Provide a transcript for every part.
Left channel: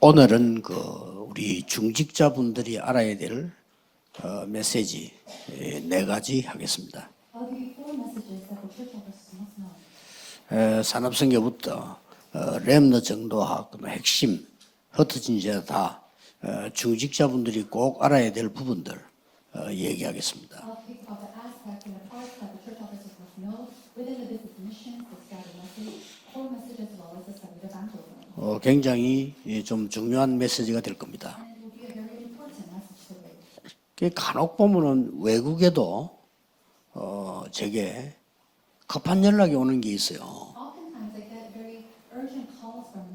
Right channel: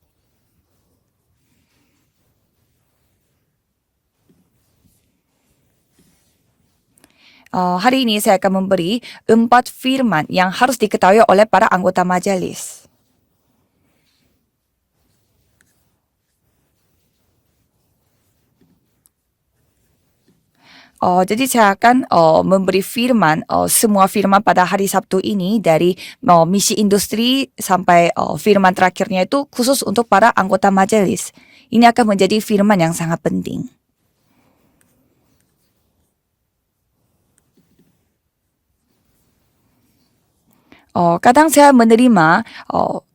오늘은 우리 중직자분들이 알아야 될 메시지 네 가지 하겠습니다. Hari ini saya akan memberi 4 firman yang harus diketahui oleh para anggota majelis. 렘너 정도학, 핵심, 흩어진 자 다 중직자분들이 꼭 알아야 될 부분들 얘기하겠습니다. Jadi saya akan memberi firman, semua firman pada hari Sabtu ini dari misi industri sampai firman terakhirnya itu khusus untuk para anggota majelis. Ini akan menjadi firman yang sangat penting. 간혹 보면은 외국에도 제게 급한 연락이 오는 게 있어요. Kadang saya menerima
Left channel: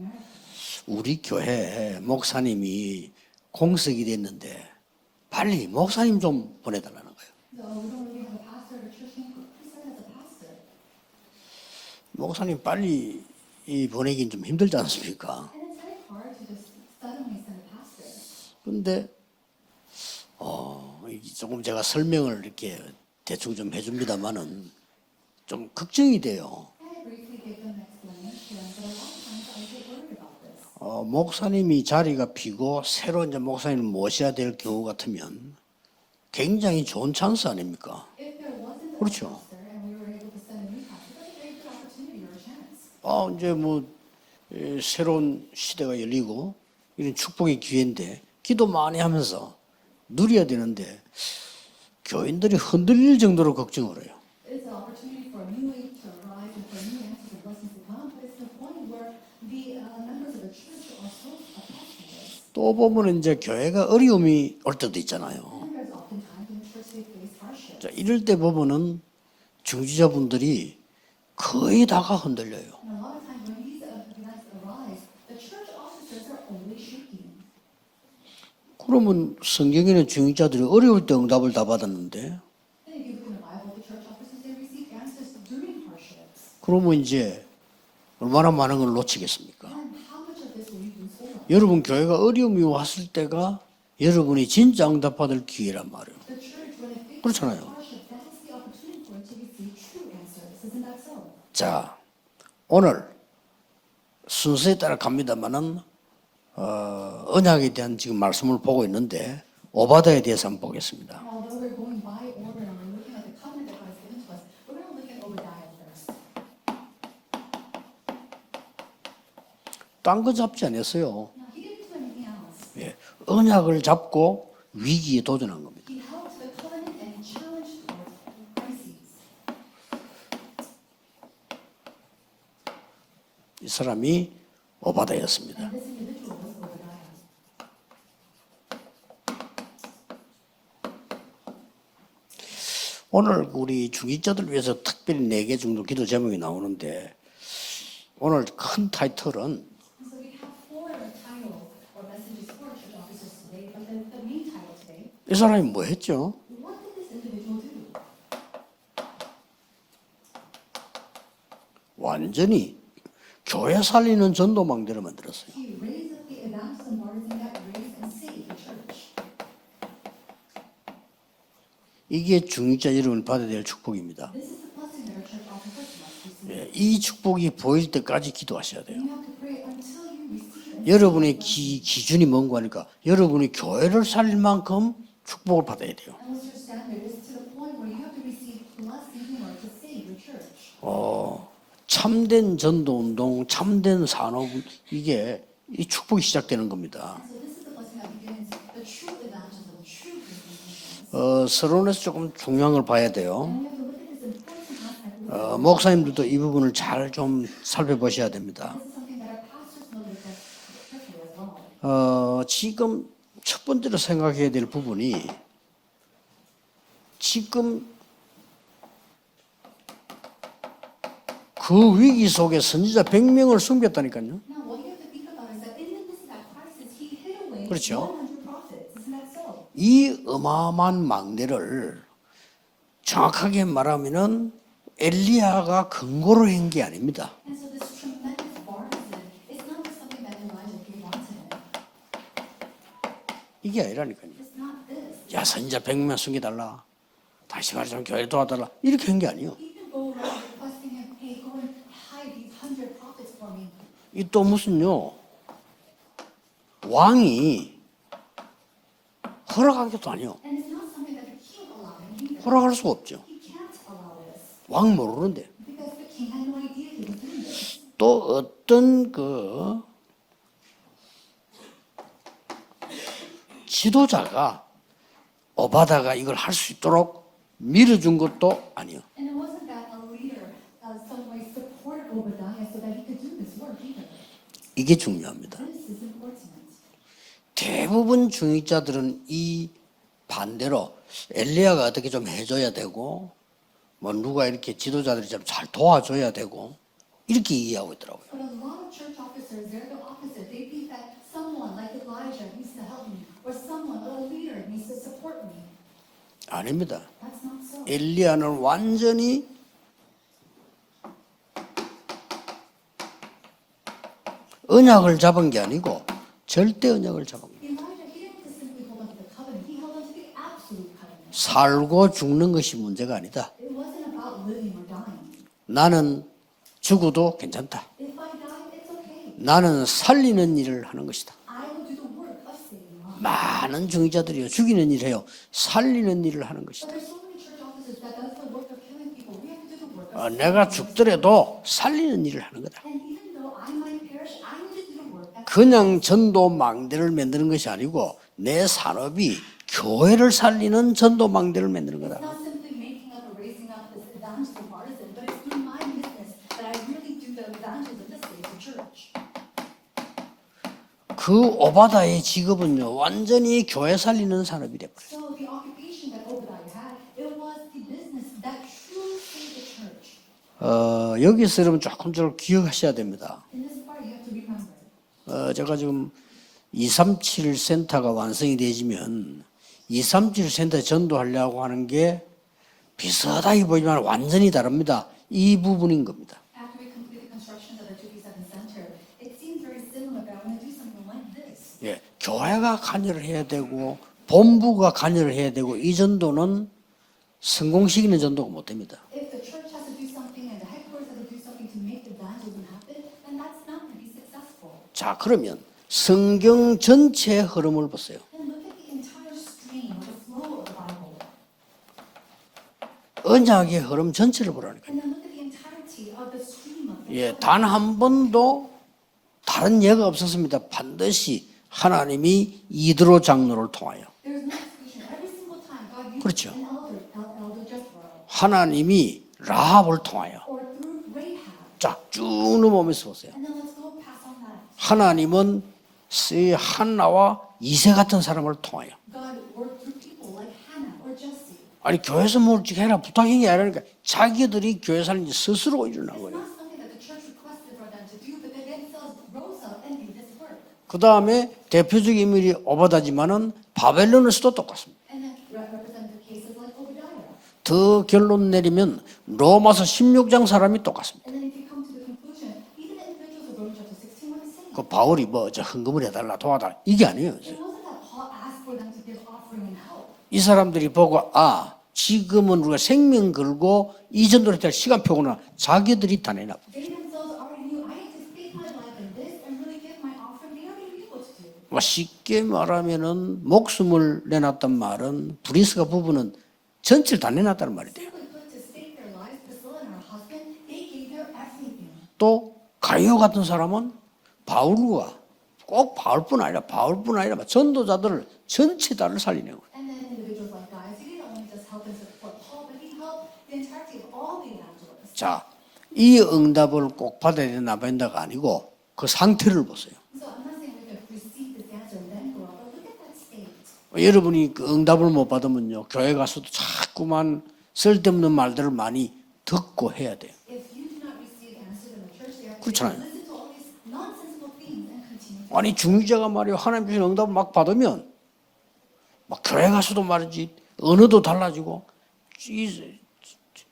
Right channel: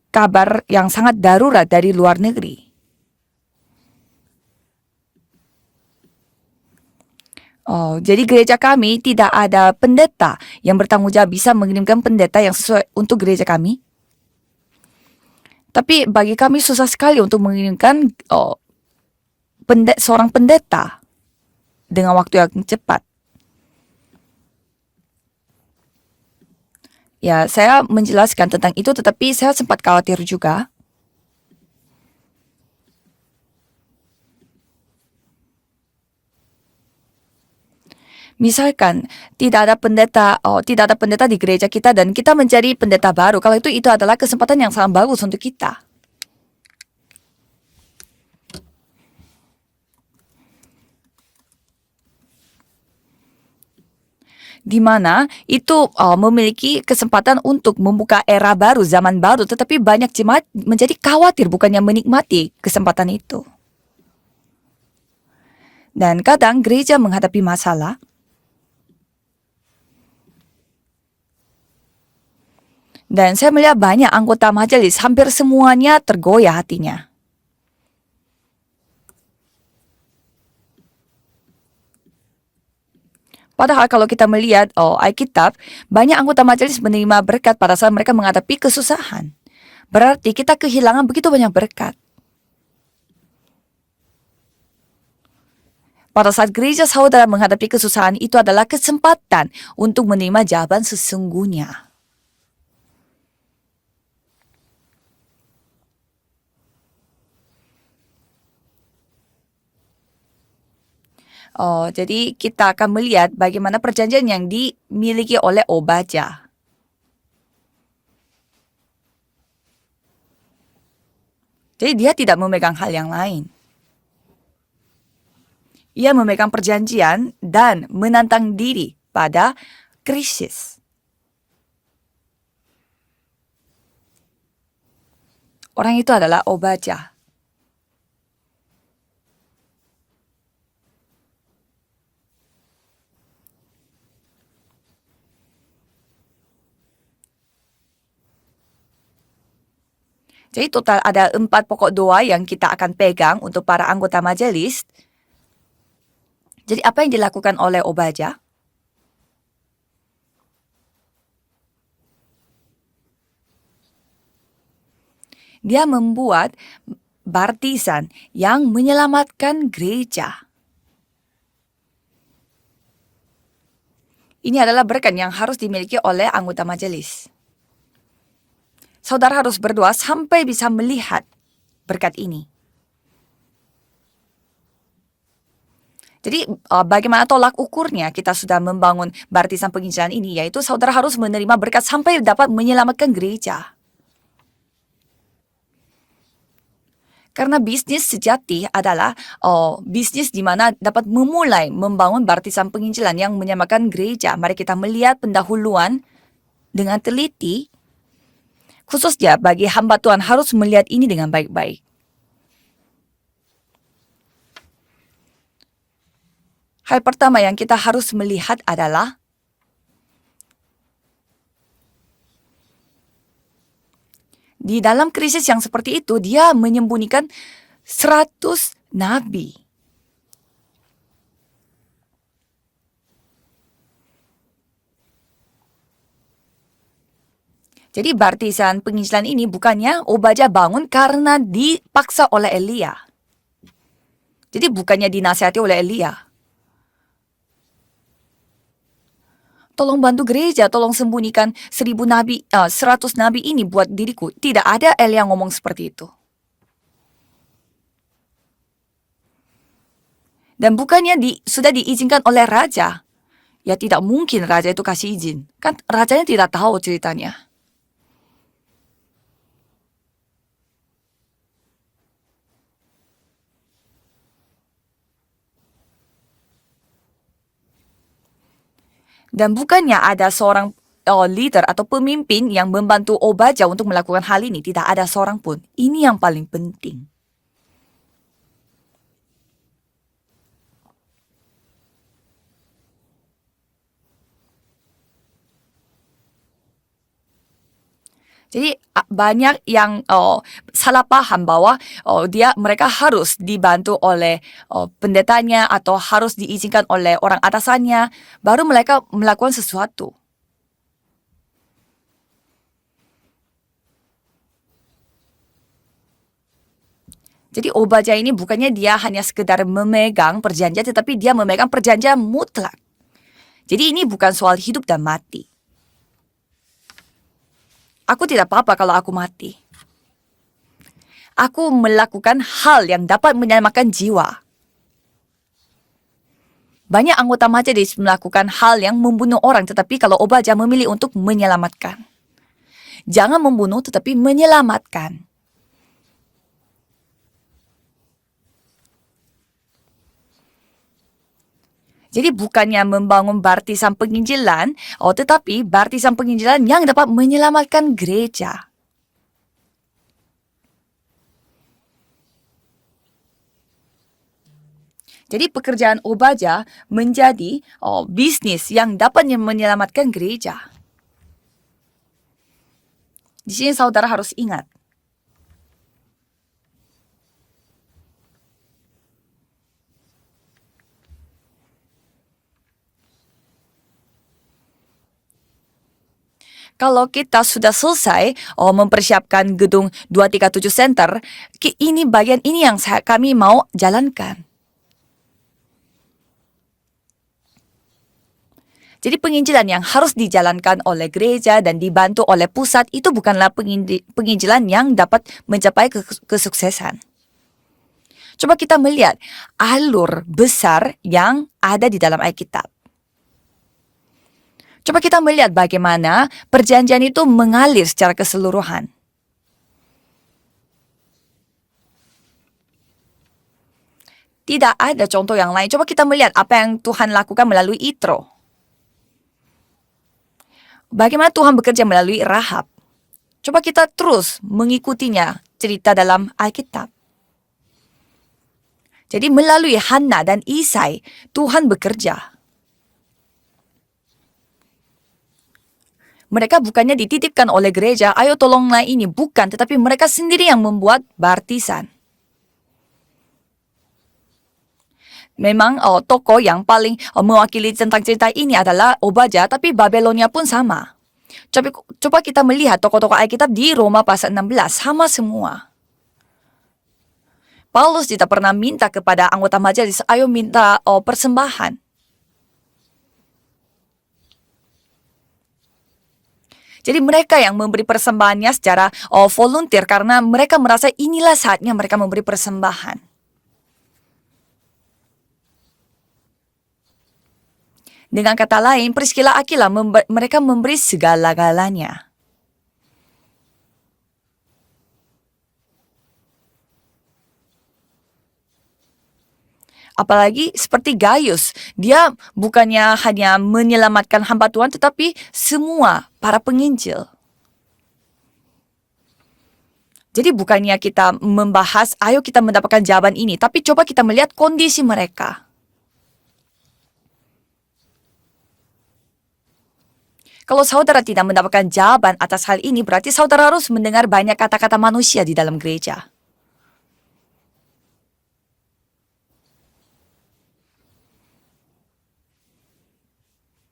kabar yang sangat darurat dari luar negeri. 목사님이 공석이 됐는데 빨리 목사님 좀 보내달라는 거예요. Jadi gereja kami tidak ada pendeta yang bertanggung jawab bisa mengirimkan pendeta yang sesuai untuk gereja kami. 보내긴 좀 힘들지 않습니까? Tapi bagi kami susah sekali untuk mengirimkan 근데 seorang pendeta 조금 제가 dengan waktu yang 이렇게 cepat. 대충 좀 해줍니다만은 좀 걱정이 돼요. Ya, saya menjelaskan tentang itu, tetapi saya sempat khawatir juga. 목사님이 자리가 비고 새로 이제 목사님을 모셔야 될 경우 같으면 굉장히 좋은 찬스 아닙니까? Misalkan tidak ada pendeta di gereja kita dan kita mencari pendeta baru. Kalau itu adalah kesempatan yang sangat bagus untuk kita. 시대가 열리고 이런 축복의 기회인데 기도 많이 하면서 누려야 되는데 교인들이 흔들릴 정도로 걱정을 해요. Di mana itu memiliki kesempatan untuk membuka era baru, zaman baru, tetapi banyak jemaat menjadi khawatir bukannya menikmati 또 kesempatan 보면 이제 itu. 교회가 어려움이 올 때도 있잖아요. Dan kadang gereja menghadapi masalah. 이럴 때 보면은 중지자분들이 거의 다가 흔들려요. Dan saya melihat banyak anggota majelis, hampir semuanya tergoyah hatinya. 그러면 성경에는 중직자들이 어려울 때 응답을 다 받았는데 Padahal kalau kita melihat Alkitab, banyak anggota majelis menerima berkat pada saat mereka menghadapi kesusahan. Berarti kita kehilangan begitu banyak 여러분 berkat. 교회가 어려움이 왔을 때가 여러분이 진짜 응답받을 기회란 말이에요. Pada saat gereja saudara menghadapi kesusahan, itu adalah kesempatan untuk menerima jawaban sesungguhnya. 자, 오늘 순서에 따라 갑니다만은 언약에 대한 지금 말씀을 보고 있는데 오바다에 대해서 한번 보겠습니다. Jadi kita akan melihat bagaimana perjanjian yang dimiliki oleh Obadya. 딴 거 잡지 않았어요. Jadi dia tidak memegang hal yang lain. 언약을 잡고 위기에 도전한 겁니다. Ia memegang perjanjian dan menantang diri pada krisis. 이 사람이 오바다였습니다. Orang itu adalah Obadya. 오늘 우리 중직자들 위해서 특별히 4개 정도 기도 제목이 나오는데 오늘 큰 타이틀은 Jadi total ada 4 pokok doa yang kita akan pegang untuk para anggota majelis. 이 사람이 뭐 했죠? Jadi apa yang dilakukan oleh Obadya? 완전히 교회 살리는 전도망대를 만들었어요. Dia membuat baptisan yang menyelamatkan gereja. 이게 중직자 여러분이 받아야 될 축복입니다. Ini adalah berkat yang harus dimiliki oleh anggota 이 majelis. 축복이 보일 때까지 기도하셔야 돼요. Saudara harus berdoa sampai bisa melihat. 여러분의 berkat 기준이 ini. 뭔가 하니까 여러분이 교회를 살릴 만큼 축복을 받아야 돼요. Jadi bagaimana tolak ukurnya kita sudah membangun baptisan penginjilan ini, yaitu saudara harus menerima berkat sampai dapat menyelamatkan gereja. 참된 산업 이게 이 축복이 시작되는 겁니다. Karena bisnis sejati adalah bisnis di mana dapat memulai membangun baptisan penginjilan yang menyamakan gereja. Mari kita melihat pendahuluan 목사님들도 이 부분을 dengan 잘 좀 teliti. 살펴보셔야 됩니다. Khususnya bagi hamba Tuhan harus melihat ini dengan baik-baik. 지금 첫 번째로 생각해야 될 부분이 Hal pertama yang kita harus melihat adalah 그 위기 속에 선지자 100명을 숨겼다니까요. di dalam krisis yang seperti itu dia menyembunyikan 그렇죠. 100 nabi. 이 어마어마한 망대를 정확하게 말하면은 엘리야가 근거로 한 게 아닙니다. Jadi baptisan penginjilan ini bukannya Obadya bangun karena dipaksa oleh Elia. 이게 아니라니까요. Jadi bukannya dinasihati oleh Elia. 100명 숨겨달라. 다시 말하자면 교회 도와달라 이렇게 한 게 아니에요. Tolong bantu gereja, tolong sembunyikan 100 nabi ini buat diriku. Itu Tidak musuh ada lo. Elia ngomong seperti itu. 왕이 허락한 것도 아니에요. Dan bukannya sudah diizinkan oleh 허락할 수 raja. 없죠. Ya tidak mungkin raja itu Bang, kasih mau izin. Kan rajanya tidak tahu ceritanya. 또 어떤 지도자가 오바다가 이걸 할 수 있도록 밀어준 것도 아니에요. Dan bukannya ada seorang leader atau pemimpin yang membantu Obadja untuk melakukan hal ini. Tidak ada seorang pun. Ini yang paling penting. 대부분 중직자들은 이 반대로 엘리야가 어떻게 좀 해줘야 되고 뭐 누가 이렇게 지도자들이 좀 잘 도와줘야 되고 이렇게 이해하고 있더라고요. Jadi banyak yang salah paham bahwa mereka harus dibantu oleh pendetanya atau harus diizinkan oleh orang atasannya baru mereka melakukan sesuatu. 언약을 잡은 게 아니고 절대 언약을 잡은 거예요. Jadi Obadja ini bukannya dia hanya sekedar memegang perjanjian tetapi dia memegang 살고 perjanjian 죽는 mutlak. 것이 문제가 아니다. Jadi ini bukan soal hidup dan mati. 나는 죽어도 괜찮다. Aku tidak apa-apa kalau aku mati. 나는 살리는 일을 하는 것이다. Aku melakukan hal yang dapat menyelamatkan 많은 jiwa. 중직자들이 죽이는 일을 해요. 살리는 일을 하는 것이다. Banyak anggota majelis melakukan hal yang membunuh orang tetapi kalau Obadja 내가 memilih untuk 죽더라도 menyelamatkan. 살리는 일을 하는 거다. Jangan membunuh tetapi menyelamatkan. 그냥 전도 망대를 만드는 것이 아니고 내 산업이 교회를 살리는 전도 망대를 만드는 거다. Jadi bukannya membangun barisan penginjilan, tetapi barisan penginjilan yang dapat menyelamatkan gereja. 그 오바다의 직업은요 완전히 교회 살리는 산업이 돼버려요. Jadi pekerjaan Obadja menjadi bisnis yang dapat menyelamatkan gereja. 여기서 여러분 조금 기억하셔야 됩니다. Di sini saudara harus ingat. 제가 지금 237 센터가 완성이 되지면 237 센터 전도하려고 하는 게 비슷하게 보이지만 완전히 다릅니다. 이 부분인 겁니다. Kalau kita sudah selesai mempersiapkan gedung 237 Center, ini bagian ini yang kami mau jalankan. 본부가 관여를 해야 되고 이 전도는 성공시키는 전도가 못 됩니다. Jadi penginjilan yang harus dijalankan oleh gereja dan dibantu oleh pusat itu bukanlah penginjilan yang dapat mencapai 성경 kesuksesan. 전체의 흐름을 보세요. Coba kita melihat alur besar yang ada di dalam Alkitab. 언약의 흐름 전체를 보라는 거예요. Coba kita melihat bagaimana perjanjian itu mengalir secara keseluruhan. 다른 예가 없었습니다. 반드시 하나님이 이드로 장로를 통하여 Tidak ada contoh yang lain. Coba kita melihat apa yang Tuhan lakukan melalui Itro. 하나님이 라합을 통하여 Bagaimana Tuhan bekerja melalui Rahab. 오늘 보면서 보세요. Coba kita terus mengikutinya 하나님은 cerita dalam 이 Alkitab. 한나와 이세 같은 사람을 통하여 Jadi melalui Hana dan Isai, Tuhan bekerja. 교회에서 뭘 해라 부탁인 게 아니라 자기들이 교회 살리지 스스로 일어난 거예요. Mereka bukannya dititipkan oleh gereja, ayo tolonglah ini. Bukan, tetapi mereka sendiri yang membuat 그다음에 baptisan. 대표적인 인물이 오바다지만은 바벨론에서도 똑같습니다. Memang tokoh yang paling mewakili tentang cerita ini adalah Obadja, tapi Babelonia pun sama. Coba kita melihat tokoh-tokoh Alkitab di Roma pasal 16, sama 바울이 semua. 헌금을 해달라 도와달라 이게 아니에요. Paulus tidak pernah minta kepada anggota majelis, ayo 이 minta 사람들이 보고 persembahan. 지금은 우리가 생명 걸고 이 전도를 할 시간표구나 자기들이 다 내놔. Jadi mereka yang memberi persembahannya secara volunteer karena mereka merasa inilah saatnya mereka memberi persembahan. 말하면은 목숨을 내놨단 말은 브리스가 부부는 전체를 다 내놨다는 말이에요. Dengan kata lain, Priscilla Aquila mereka memberi segala-galanya. 또 가이오 같은 사람은 바울과 꼭 바울뿐 아니라 전도자들을 전체 다를 살리는 거예요. Apalagi seperti Gaius, dia bukannya hanya menyelamatkan hamba Tuhan, tetapi semua 이 para 응답을 penginjil. 꼭 받아야 되나 안 받는다가 아니고 그 상태를 보세요. Jadi bukannya kita membahas, ayo kita mendapatkan jawaban ini, tapi coba kita melihat 여러분이 kondisi 응답을 못 mereka. 받으면요 교회 가서도 자꾸만 쓸데없는 말들을 많이 듣고 해야 돼. Kalau saudara tidak mendapatkan jawaban atas hal ini, berarti saudara harus mendengar banyak kata-kata manusia di dalam 아니 gereja. 중재가 말이요 하나님 주신 응답을 막 받으면 막 교회 가서도 말이지 언어도 달라지고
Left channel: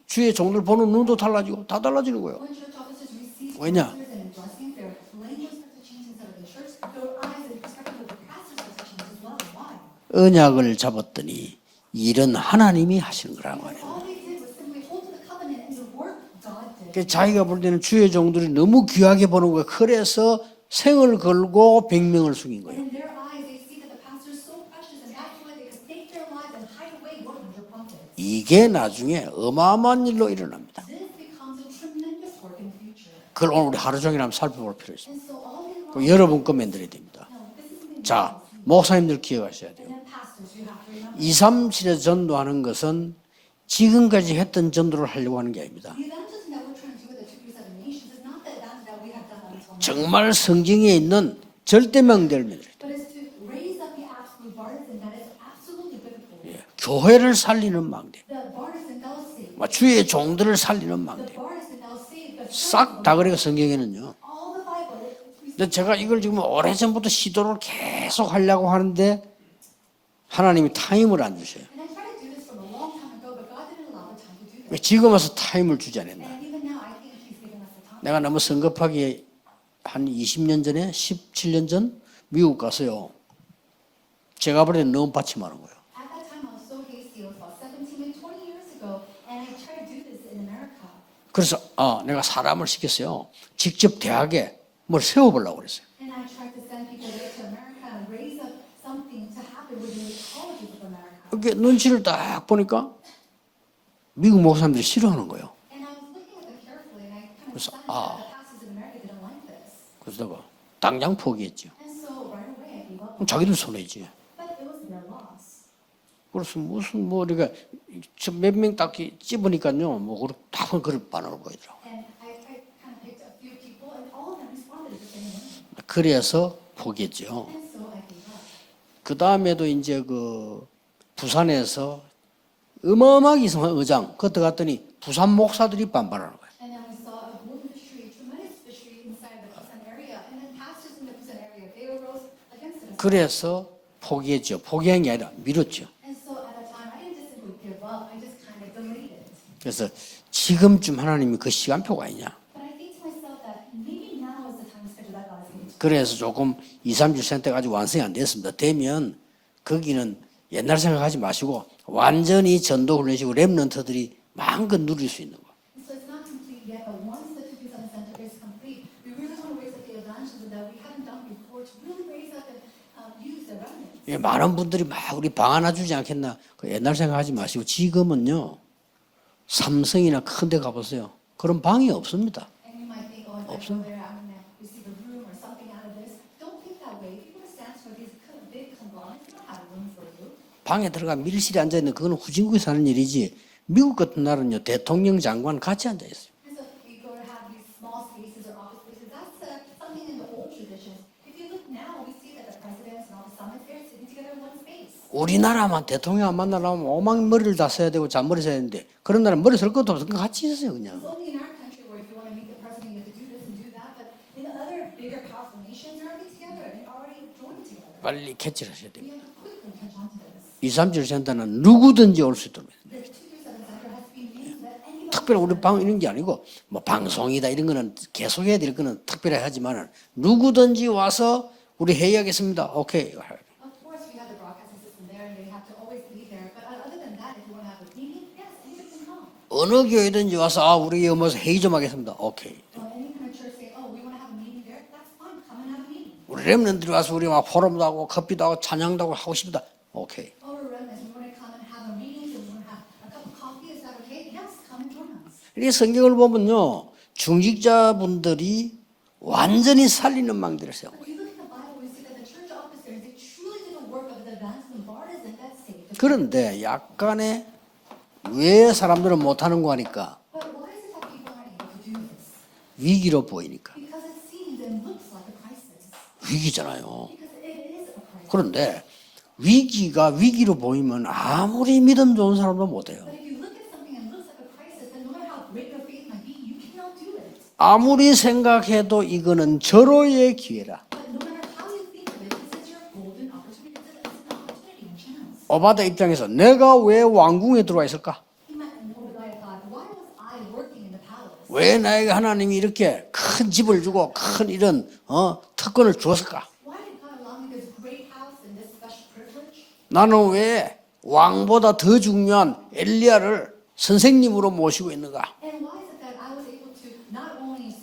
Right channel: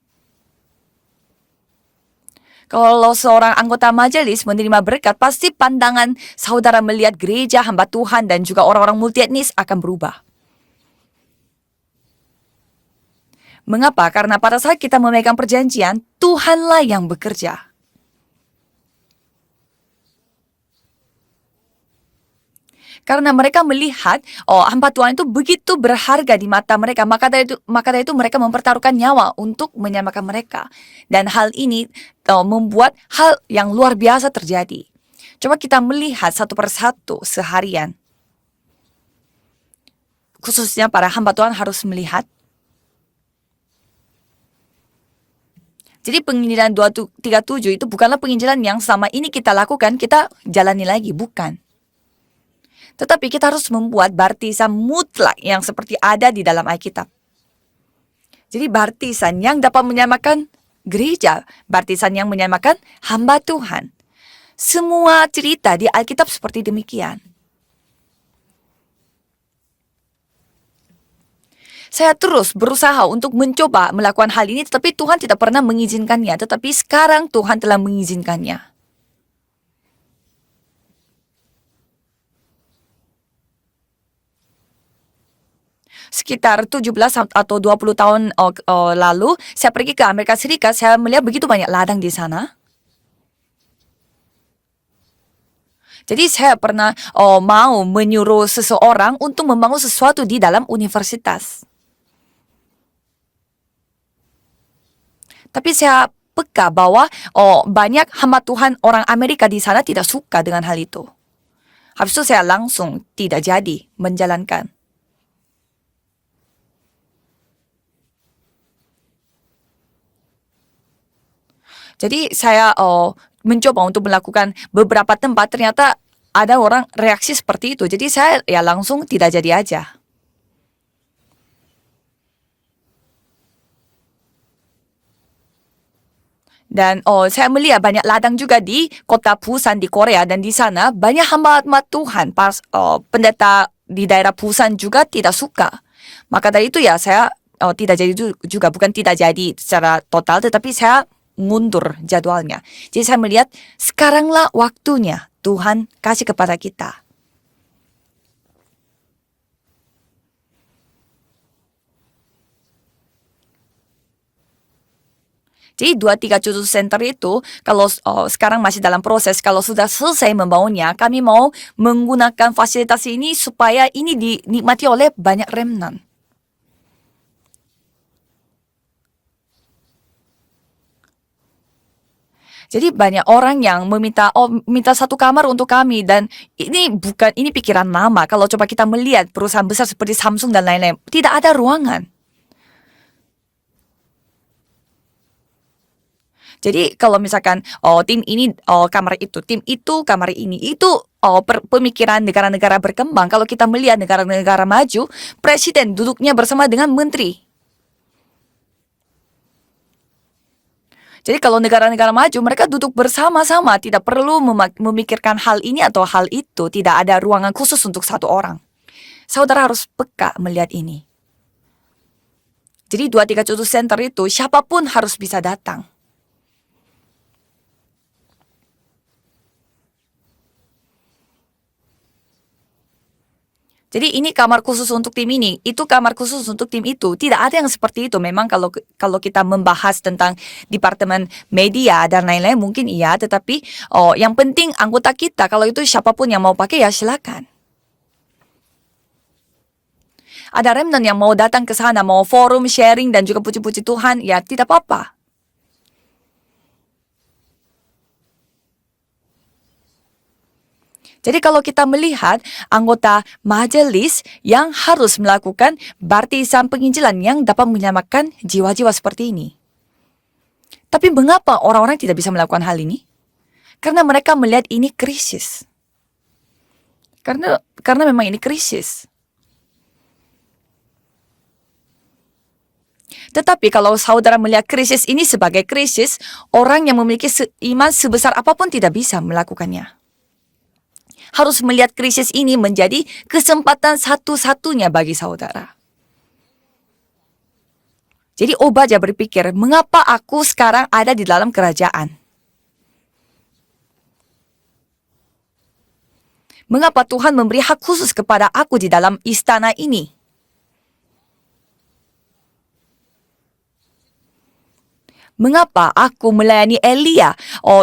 주의 종들 보는 눈도 달라지고 다 달라지는 거예요. Kalau seorang anggota majelis menerima berkat, pasti pandangan saudara melihat gereja, hamba Tuhan, dan juga orang-orang multietnis akan berubah. 언약을 잡았더니 일은 하나님이 하시는 거라는 거예요. Mengapa? Karena pada saat kita memegang perjanjian, Tuhanlah yang 자기가 bekerja. 볼 때는 주의 종들이 너무 귀하게 보는 거예요. 그래서 생을 걸고 100명을 죽인 거예요. Karena mereka melihat, hamba Tuhan itu begitu berharga di mata mereka, maka dari itu mereka I게 mempertaruhkan 나중에 nyawa untuk 어마어마한 menyelamatkan 일로 mereka. Dan hal ini membuat hal 그걸 yang 오늘 luar 하루 biasa 종일 살펴볼 terjadi. 필요 있습니다. Coba kita melihat 여러분 satu 겁니다. persatu seharian. 자, 목사님들 기억하셔야 돼요. Khususnya para hamba Tuhan harus 2, 3에 melihat. 전도하는 것은 지금까지 했던 전도를 하려고 하는 게 아닙니다. Jadi penginjilan 237 itu bukanlah penginjilan yang selama ini kita lakukan, kita 정말 jalani 성경에 lagi, 있는 bukan. 절대명들입니다. Tetapi kita harus membuat baptisan mutlak yang seperti ada di dalam Alkitab. 교회를 살리는 망대. Jadi baptisan yang dapat 주의 menyamakan 종들을 살리는 gereja, baptisan yang menyamakan 싹다 hamba 그래서 Tuhan. 성경은요. Semua cerita di 제가 이걸 Alkitab 지금 seperti 오래전부터 demikian. 시도를 계속 하려고 하는데 하나님이 타임을 안 주셔요. Saya terus berusaha untuk mencoba melakukan hal ini, tetapi 지금 Tuhan 와서 tidak pernah 타임을 mengizinkannya. Tetapi sekarang Tuhan telah 내가 너무 mengizinkannya. 성급하게 한 20년 전에 17년 전 미국 가서요. 제가 볼 때는 너무 받침하는 거예요. Sekitar 17 atau 20 tahun lalu, saya pergi ke Amerika Serikat, saya melihat begitu banyak ladang di 내가 sana. 사람을 시켰어요. 직접 대학에 뭘 세워보려고 그랬어요. Jadi saya pernah mau menyuruh seseorang untuk membangun sesuatu di dalam universitas. 그게 눈치를 딱 보니까 미국 목사님들이 싫어하는 거예요. Tapi saya peka bahwa banyak hamba Tuhan orang Amerika di sana tidak suka dengan hal itu. 당장 포기했죠. Habis itu saya langsung tidak 자기는 jadi 소리지. menjalankan. 그래서 무슨 뭐 우리가 몇 명 딱 찝으니까요. 뭐 다 그걸 반응을 보이더라. Jadi saya mencoba untuk melakukan beberapa tempat, ternyata 그래서 ada orang 포기했죠. reaksi seperti itu. Jadi saya ya langsung tidak jadi 그다음에도 aja. 이제 그 부산에서 어마어마하게 이상한 의장 그때 갔더니 부산 목사들이 반발하는 거예요. Dan saya melihat banyak ladang juga di kota Busan di Korea, dan di sana banyak hamba-hamba Tuhan, pendeta di daerah 포기했죠. Busan juga 포기한 게 tidak 아니라 suka. 미뤘죠. Maka dari itu ya saya tidak jadi juga, bukan tidak jadi secara total, tetapi 지금쯤 saya 하나님은 그 mundur 시간표가 있어요. jadwalnya. Jadi saya melihat sekaranglah waktunya Tuhan 그래서 kasih kepada kita. 2, 3주 센터가 아직 완성이 안 됐습니다. 되면 거기는 옛날 생각하지 마시고 완전히 전도 훈련식으로 랩런트들이 마음껏 누릴 수 있는 거. Jadi 237 Center itu kalau sekarang masih dalam proses, kalau sudah selesai membangunnya, kami mau menggunakan fasilitas ini supaya ini 많은 dinikmati 분들이 oleh 우리 banyak 방 하나 주지 remnant. 않겠나. 그 옛날 생각하지 마시고 지금은요. 삼성이나 큰 데 가보세요. 그런 방이 없습니다. Jadi banyak orang yang minta satu kamar untuk kami, dan ini pikiran lama. Kalau coba kita melihat perusahaan besar seperti Samsung dan lain-lain, tidak ada ruangan. 그건 후진국에 사는 일이지. 미국 같은 나라는요. 대통령 장관 같이 앉아 있어요. Jadi kalau misalkan tim ini kamar itu, tim itu kamar ini, itu pemikiran negara-negara berkembang. Kalau kita melihat negara-negara maju, presiden duduknya bersama dengan menteri. 머리를 다 써야 되고 잔머리 써야 되는데 그런 나라 머리 쓸 것도 없어. 같이 있어요 그냥. Jadi kalau negara-negara maju, mereka duduk bersama-sama, tidak perlu memikirkan hal ini atau hal itu. Tidak ada ruangan khusus untuk satu orang. Saudara harus peka melihat ini. 237 센터는 누구든지 올 수 있도록. Jadi 237 Center itu siapapun harus bisa 특별히 우리 방 datang. 있는 게 아니고 뭐 방송이다 이런 거는 계속 해야 될 거는 특별히 하지만 누구든지 와서 우리 회의하겠습니다. 오케이. Jadi ini kamar khusus untuk tim ini, itu kamar khusus untuk tim itu. Tidak ada yang seperti itu. Memang kalau kita membahas tentang departemen media dan lain-lain mungkin iya, tetapi yang penting anggota kita, kalau itu siapapun yang mau pakai ya silakan. 포럼도 하고 커피도 하고 찬양도 하고 하고 싶다. 오케이. Ada remnant yang mau datang ke sana, mau forum sharing dan juga puji-puji Tuhan, ya tidak apa-apa. 이 성경을 보면요. 중직자분들이 완전히 살리는 망대를 세워. Jadi kalau kita melihat anggota majelis yang harus melakukan baptisan penginjilan yang dapat menyelamatkan 왜 jiwa-jiwa 사람들은 seperti ini. 못하는 거 하니까 Tapi mengapa orang-orang tidak bisa melakukan hal ini? 위기로 보이니까. Karena mereka melihat ini krisis. 위기잖아요. Karena memang ini 그런데 krisis. 위기가 위기로 보이면 아무리 믿음 좋은 사람도 못해요. Tetapi kalau saudara melihat krisis ini sebagai krisis, orang yang memiliki iman 아무리 sebesar apapun tidak 생각해도 bisa 이거는 melakukannya. 절호의 기회라. Harus melihat krisis ini menjadi kesempatan satu-satunya bagi saudara. 오바다 입장에서 내가 왜 왕궁에 들어와 있을까? Jadi Obadya berpikir, mengapa aku sekarang ada di dalam 왜 나에게 kerajaan? 하나님이 이렇게 큰 집을 주고 큰 이런 특권을 주었을까? Mengapa Tuhan memberi hak khusus kepada aku di dalam istana ini? 나는 왜 왕보다 더 중요한 엘리야를 선생님으로 모시고 있는가? Mengapa aku melayani Elia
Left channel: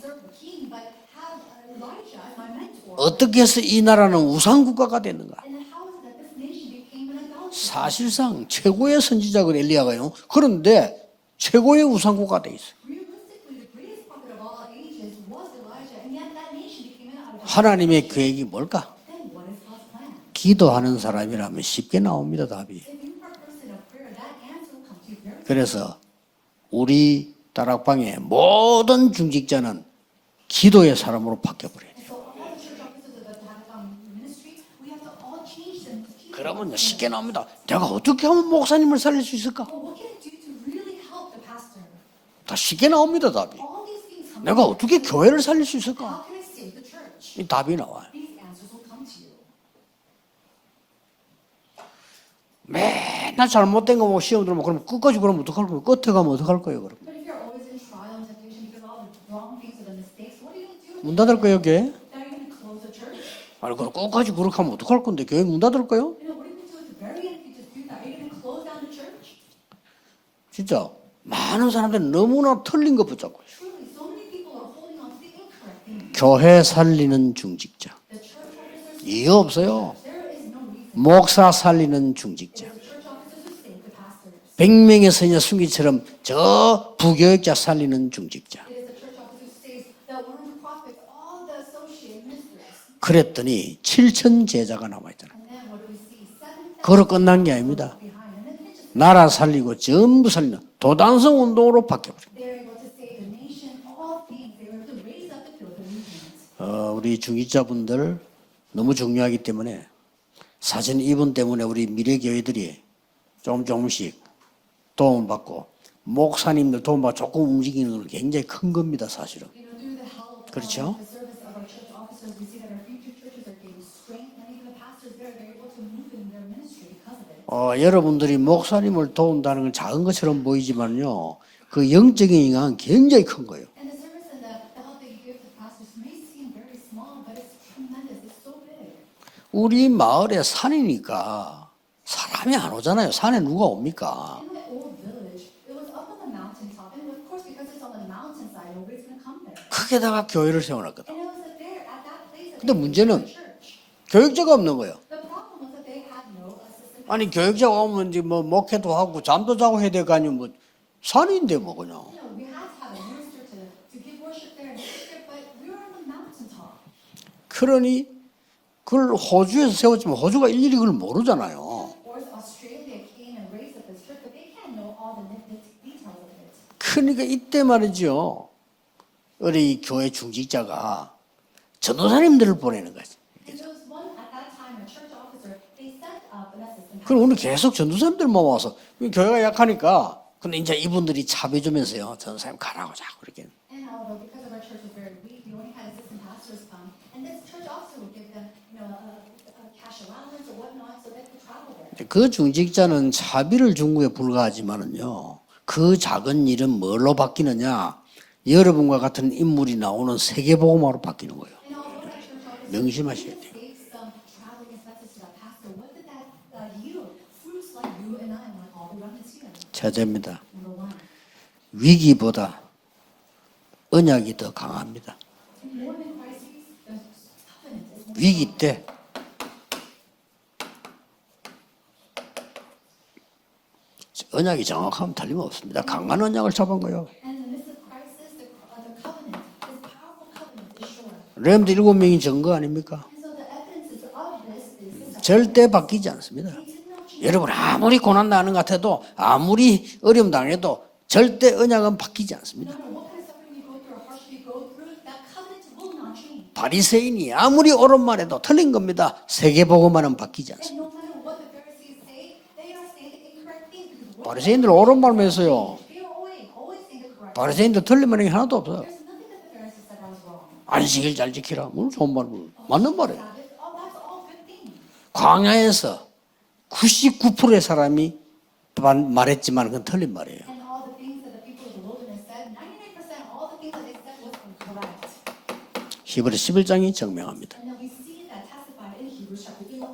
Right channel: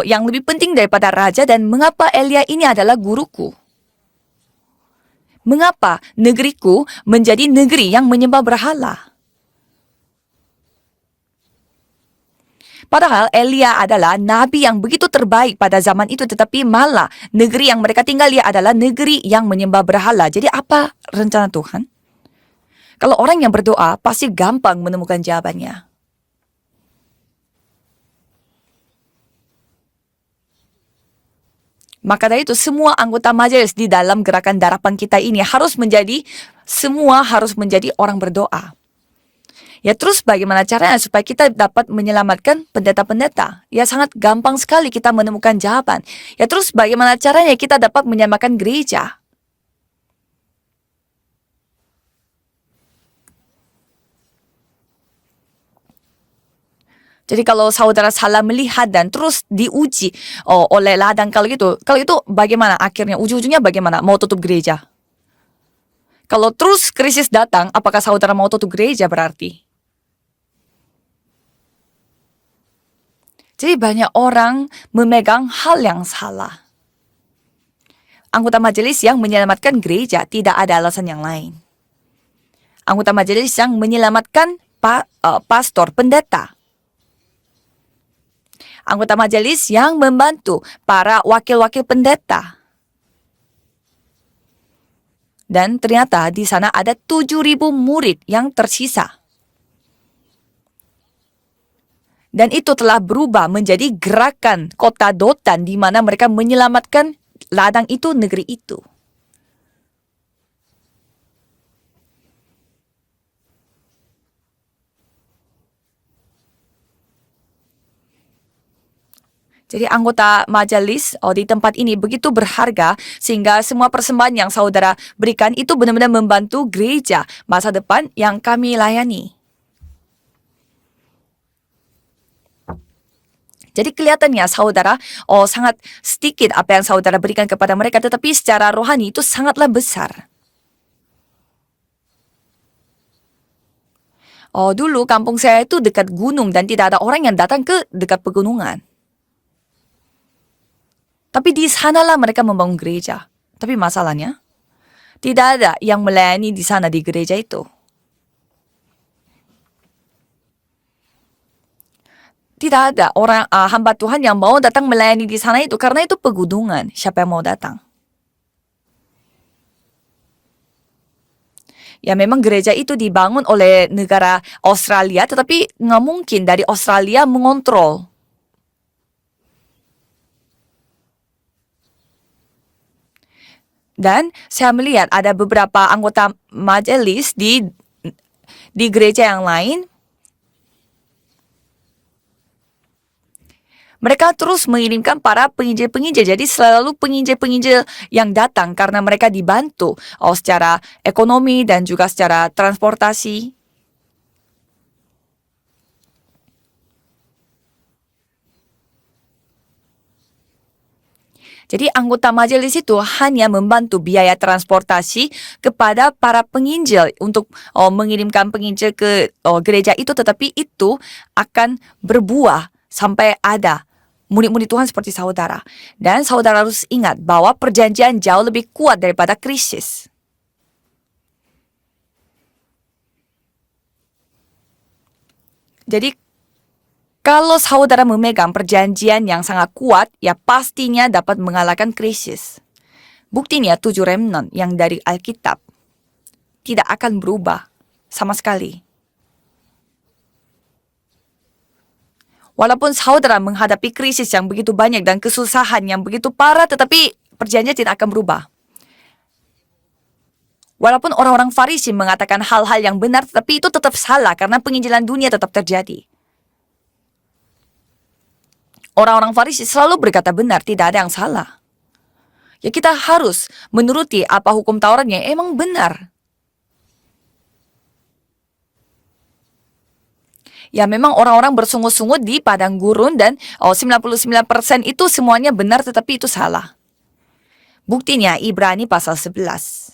yang lebih penting daripada raja dan mengapa Elia ini adalah 어떻게 guruku? 해서 이 나라는 우상 국가가 됐는가? Mengapa negeriku menjadi negeri yang menyembah berhala? 최고의 선지자가 엘리야가요. 그런데 최고의 우상 국가가 돼 있어. Padahal Elia adalah nabi yang begitu terbaik pada zaman itu, tetapi malah negeri yang mereka tinggal adalah negeri yang menyembah berhala. Jadi apa 기도하는 rencana 사람이 Tuhan? 쉽게 나옵니다 답이. Kalau orang yang berdoa pasti gampang menemukan jawabannya. 그래서 우리 다락방의 모든 중직자는 기도의 사람으로 바뀌어버려요. Maka dari itu semua anggota majelis di dalam gerakan darapan kita ini harus menjadi orang 어떻게 하면 berdoa. 목사님을 살릴 수 있을까? Ya terus bagaimana caranya supaya kita dapat menyelamatkan pendeta-pendeta? Ya sangat gampang sekali kita menemukan jawaban. Ya terus bagaimana caranya kita dapat menyelamatkan gereja? 맨날 잘못된 거 뭐 시험 들으면 그럼 끝까지 그러면 어떡할 거예요? 끝에 가면 어떡할 거예요? 그럼? Jadi kalau saudara salah melihat dan terus diuji oleh ladang kalau itu bagaimana akhirnya ujung-ujungnya bagaimana? Mau tutup gereja? 어떡할 건데 교회 문 닫을 거예요? Kalau terus krisis datang, apakah saudara mau tutup gereja berarti? 진짜 많은 사람들이 너무나 틀린 거 붙잡고 Jadi banyak orang memegang hal yang salah. 교회 살리는 중직자, Anggota majelis yang Iya, menyelamatkan betul. gereja tidak ada alasan yang 목사 lain. 살리는 중직자, Anggota majelis yang menyelamatkan 100명의 선녀 pastor, 수기처럼 pendeta. 저 부교육자 살리는 중직자. Anggota majelis yang membantu para wakil-wakil pendeta. 그랬더니 7천 제자가 남아있잖아. Dan ternyata di sana ada 그걸 끝난 게 7.000 아닙니다. murid yang tersisa. 나라 살리고 전부 살리는 도단성 운동으로 바뀌어버려. Dan itu telah berubah menjadi gerakan kota Dotan di mana mereka menyelamatkan 우리 중직자분들 ladang itu, negeri itu. 너무 중요하기 때문에 사실 이분 때문에 우리 미래 교회들이 조금씩 도움 받고 목사님들 도움 받고 조금 움직이는 건 굉장히 큰 겁니다, 사실은. Jadi anggota majelis di tempat ini begitu berharga sehingga semua persembahan yang saudara berikan itu benar-benar membantu gereja masa depan 여러분들이 yang kami 목사님을 layani. 도운다는 건 작은 것처럼 보이지만요, 그 영적인 영향은 굉장히 큰 거예요. Jadi kelihatannya saudara sangat sedikit apa yang saudara berikan kepada mereka, tetapi secara rohani itu sangatlah 우리 besar. 마을에 산이니까 사람이 안 오잖아요. 산에 누가 옵니까? Dulu kampung saya itu dekat gunung dan tidak ada orang yang datang ke dekat pegunungan. 크게다가 교회를 세워놨거든. Tapi di sanalah mereka membangun Itu gereja. 문제는 Tapi masalahnya 교육자가 없는 거예요. tidak ada yang melayani di sana di 아니 gereja itu. 교육자가 오면 이제 뭐 목회도 하고 잠도 자고 해야 될 거 아니면 뭐 산인데 뭐 그냥. Tidak ada orang hamba Tuhan yang mau datang melayani di sana itu karena itu pegunungan. Siapa yang mau datang? 그러니 그걸 호주에서 세웠지만 호주가 일일이 그걸 모르잖아요. Ya memang gereja itu dibangun oleh negara Australia, tetapi nggak mungkin dari Australia 이때 mengontrol. 말이죠. 우리 교회 중직자가 전도사님들을 보내는 거지. Dan saya melihat ada beberapa anggota majelis 그러면 di 계속 전도사님들만 와서 di gereja yang lain. 하니까 근데 이제 이분들이 차별주면서요. 전도사님 가라고 자꾸 이렇게. Mereka terus mengirimkan para penginjil-penginjil. Jadi selalu penginjil-penginjil yang datang karena mereka dibantu secara ekonomi dan juga 그 secara 중직자는 transportasi. 자비를 준 거에 불과하지만은요. 그 작은 일은 뭘로 바뀌느냐? 여러분과 같은 인물이 나오는 세계복음화로 바뀌는 거예요. Jadi anggota majelis itu hanya membantu biaya transportasi kepada para penginjil untuk mengirimkan penginjil ke gereja itu, tetapi itu akan berbuah sampai ada 언약이 murid-murid Tuhan seperti saudara. Dan saudara harus ingat bahwa perjanjian jauh lebih kuat daripada krisis. 언약이 정확하면 틀림없습니다. jadi- 강한 언약을 잡은 거예요. Kalau saudara memegang perjanjian yang sangat kuat, ya pastinya dapat mengalahkan 렘 7명이 krisis. 전거 아닙니까? Buktinya 7 remnant yang dari Alkitab 절대 바뀌지 않습니다. tidak akan 여러분 berubah 아무리 고난 sama 당한 것 sekali. 같아도 아무리 어려움 당해도 절대 언약은 바뀌지 않습니다. Walaupun saudara menghadapi krisis yang begitu banyak dan kesusahan yang begitu parah, 바리새인이 tetapi 아무리 perjanjian tidak akan 옳은 berubah. 말해도 틀린 겁니다. 세계복음화는 바뀌지 않습니다. Walaupun orang-orang Farisi mengatakan hal-hal yang benar, tetapi itu tetap salah karena Barisein들 penginjilan 옳은 dunia 말만 tetap 했어요. terjadi. 바리새인도 틀린 말이 하나도 없어요. Orang-orang Farisi selalu berkata benar, tidak ada yang 안식일 salah. 지키라. 뭘 좋은 말 모르. Ya kita harus menuruti apa hukum Taurat yang emang 광야에서 benar. 99%의 사람이 말했지만 그건 틀린 말이에요. Ya memang orang-orang bersungut-sungut di padang gurun dan 99% itu semuanya benar tetapi itu 히브리 salah. 11장이 증명합니다. Buktinya Ibrani pasal 11.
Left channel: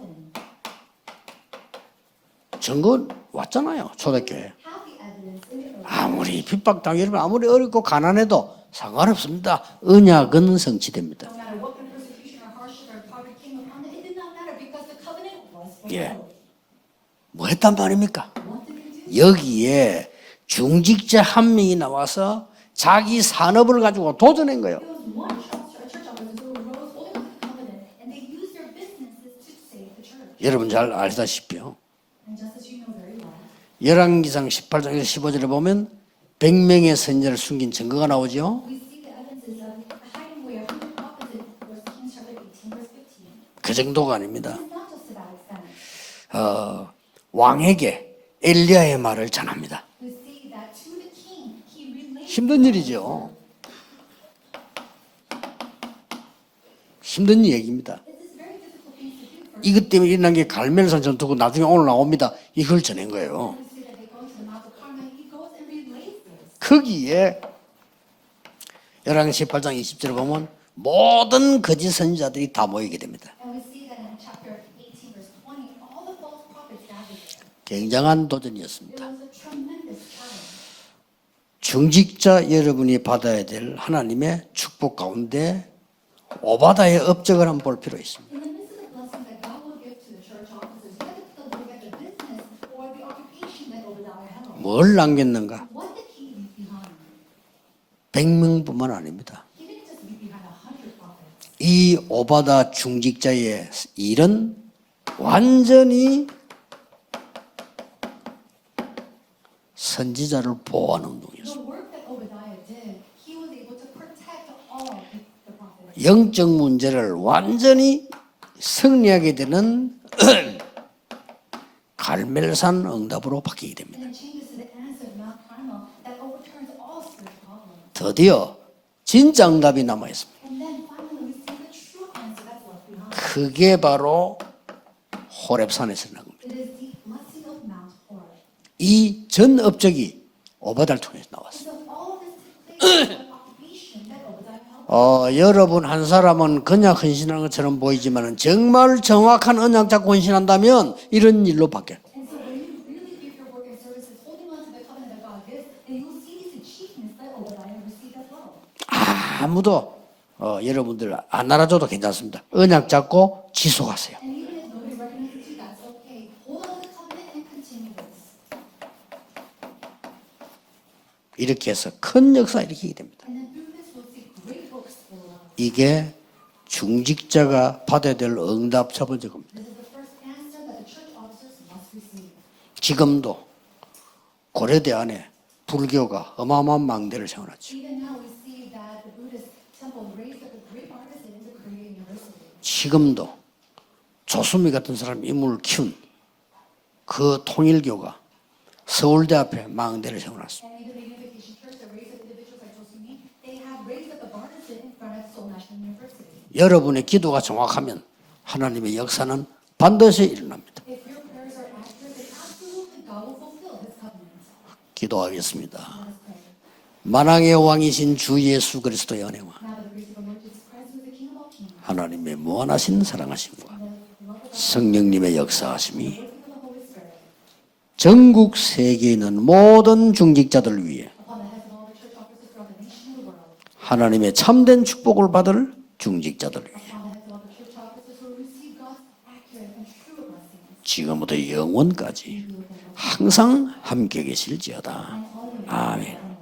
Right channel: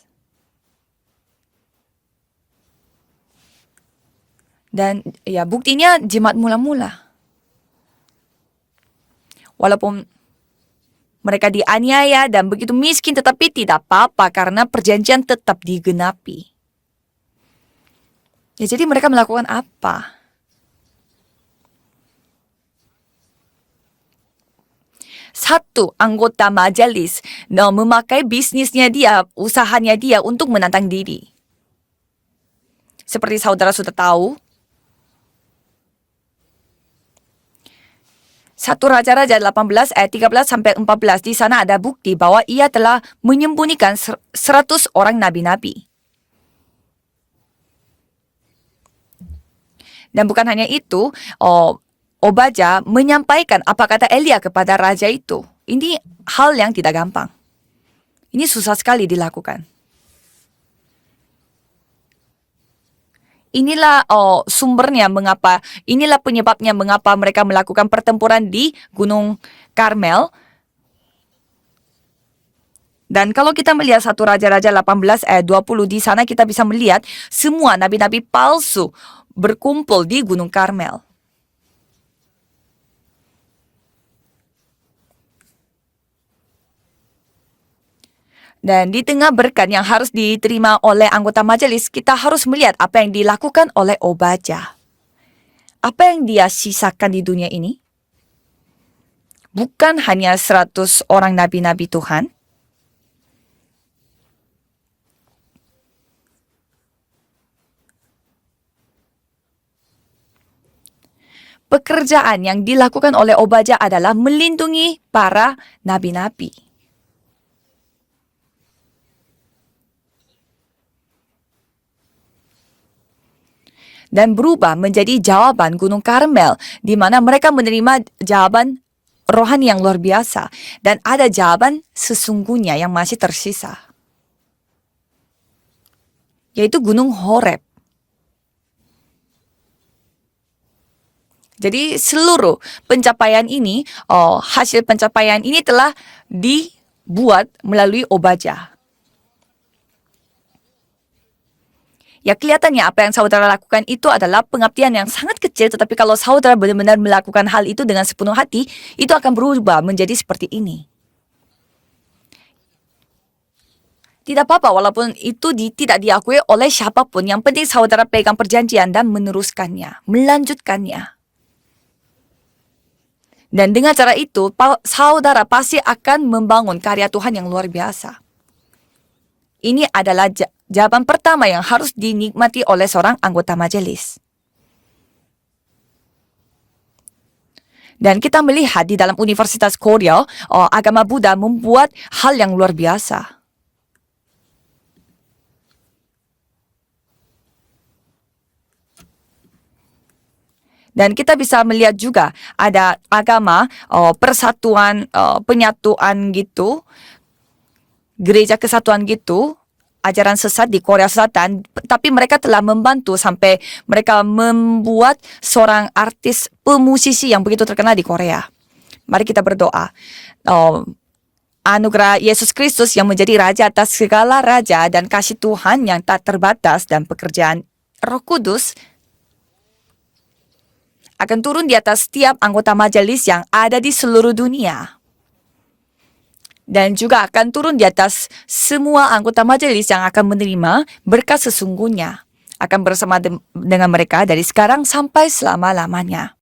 증거 왔잖아요. 초대교회. Dan ya buktinya jemaat 아무리 mula-mula. 핍박당해도 아무리 어렵고 가난해도 상관없습니다. Walaupun 언약은 성취됩니다. mereka dianiaya dan begitu miskin tetapi tidak apa-apa karena perjanjian tetap digenapi. 뭐 했단 말입니까? Ya jadi mereka melakukan 여기에 apa? 중직자 한 명이 나와서 자기 산업을 가지고 도전한 거예요. Satu anggota majelis memakai bisnisnya dia, usahanya dia untuk 여러분 menantang 잘 diri. 알다시피요. Seperti saudara sudah tahu, 열왕기상 18장에서 15절에 보면 100명의 선지자를 숨긴 증거가 나오죠. 1 Raja-Raja 18 ayat 13 sampai 14 di sana ada bukti bahwa ia telah menyembunyikan 그 정도가 아닙니다. 100 orang nabi-nabi. 왕에게 엘리야의 말을 전합니다. Dan bukan hanya itu, Obaja menyampaikan apa kata Elia kepada raja itu. Ini hal yang tidak gampang. 힘든 얘기입니다. Ini susah sekali dilakukan. 이것 때문에 일어난 게 갈멜산 전투고 나중에 오늘 나옵니다. 이걸 전한 거예요. Inilah sumbernya mengapa, inilah penyebabnya mengapa mereka melakukan pertempuran di Gunung 18장 20절 Karmel. 보면 모든 거짓 선지자들이 다 모이게 됩니다. Dan kalau kita melihat 1 Raja-Raja 18 ayat 20 di sana kita bisa melihat semua nabi-nabi palsu berkumpul di Gunung Karmel. 중직자 여러분이 받아야 될 하나님의 축복 가운데 오바다의 업적을 한번 볼 필요 있습니다. Dan di tengah berkat yang harus diterima oleh anggota majelis, kita harus melihat apa yang dilakukan oleh Obaja. 뭘 남겼는가? Apa yang dia sisakan di dunia ini? 100명뿐만 아닙니다. Bukan hanya 100 orang nabi-nabi 이 Tuhan. 오바다 중직자의 일은 완전히 선지자를 보호하는 운동이죠. Pekerjaan yang dilakukan oleh Obaja adalah melindungi para nabi-nabi. 영적 문제를 완전히 승리하게 되는 갈멜산 응답으로 바뀌게 됩니다. Dan berubah menjadi jawaban Gunung Karmel, di mana mereka menerima 드디어 jawaban 진짜 rohani yang 응답이 luar 남아있어요. biasa. Dan ada jawaban sesungguhnya yang masih tersisa, 그게 바로 호렙산에서 난 겁니다. yaitu Gunung Horeb. 이 전 업적이 오바다를 통해서 나왔어요. Jadi seluruh pencapaian ini, hasil pencapaian ini 여러분 telah 한 사람은 그냥 헌신한 dibuat 것처럼 melalui 보이지만 Obaja. 정말 정확한 언약 잡고 헌신한다면 이런 일로 바뀌어요. Ya kelihatannya apa yang saudara lakukan itu adalah pengabdian yang sangat kecil, tetapi kalau saudara benar-benar melakukan hal itu dengan sepenuh hati, itu akan berubah menjadi seperti ini. 여러분들 안 알아줘도 괜찮습니다. 언약 잡고 지속하세요. Tidak apa-apa walaupun itu tidak diakui oleh siapapun. Yang penting saudara pegang perjanjian dan meneruskannya, melanjutkannya. 이렇게 해서 큰 역사 일으키게 됩니다. Dan dengan cara itu, saudara pasti 이게 akan membangun karya Tuhan yang luar 중직자가 biasa. 받아야 될 응답 첫 번째 겁니다. Ini adalah jawaban pertama yang harus dinikmati oleh seorang 지금도 anggota majelis. 고려대 안에 불교가 어마어마한 망대를 세워놨죠. Dan kita melihat di dalam Universitas Korea, agama Buddha membuat hal yang luar biasa. 조수미 같은 사람 인물을 키운 그 통일교가 서울대 앞에 망대를 세워놨습니다. Dan kita bisa melihat juga ada agama persatuan penyatuan gitu, 여러분의 기도가 정확하면 gereja 하나님의 kesatuan 역사는 gitu, 반드시 ajaran sesat di Korea Selatan, tapi mereka telah membantu sampai mereka membuat 기도하겠습니다. seorang artis pemusisi yang 만왕의 begitu terkenal di 왕이신 Korea. 주 예수 그리스도 Mari kita berdoa. Anugerah Yesus Kristus yang menjadi raja atas segala raja dan kasih Tuhan yang tak terbatas dan pekerjaan Roh 전국 Kudus 세계에 있는 모든 중직자들 위해 akan turun di atas setiap anggota majelis yang ada di seluruh 하나님의 dunia. 참된 축복을 받을 중직자들 위해 Dan juga akan turun di atas semua anggota majelis yang akan menerima berkat sesungguhnya. Akan bersama dengan mereka dari sekarang sampai selama-lamanya.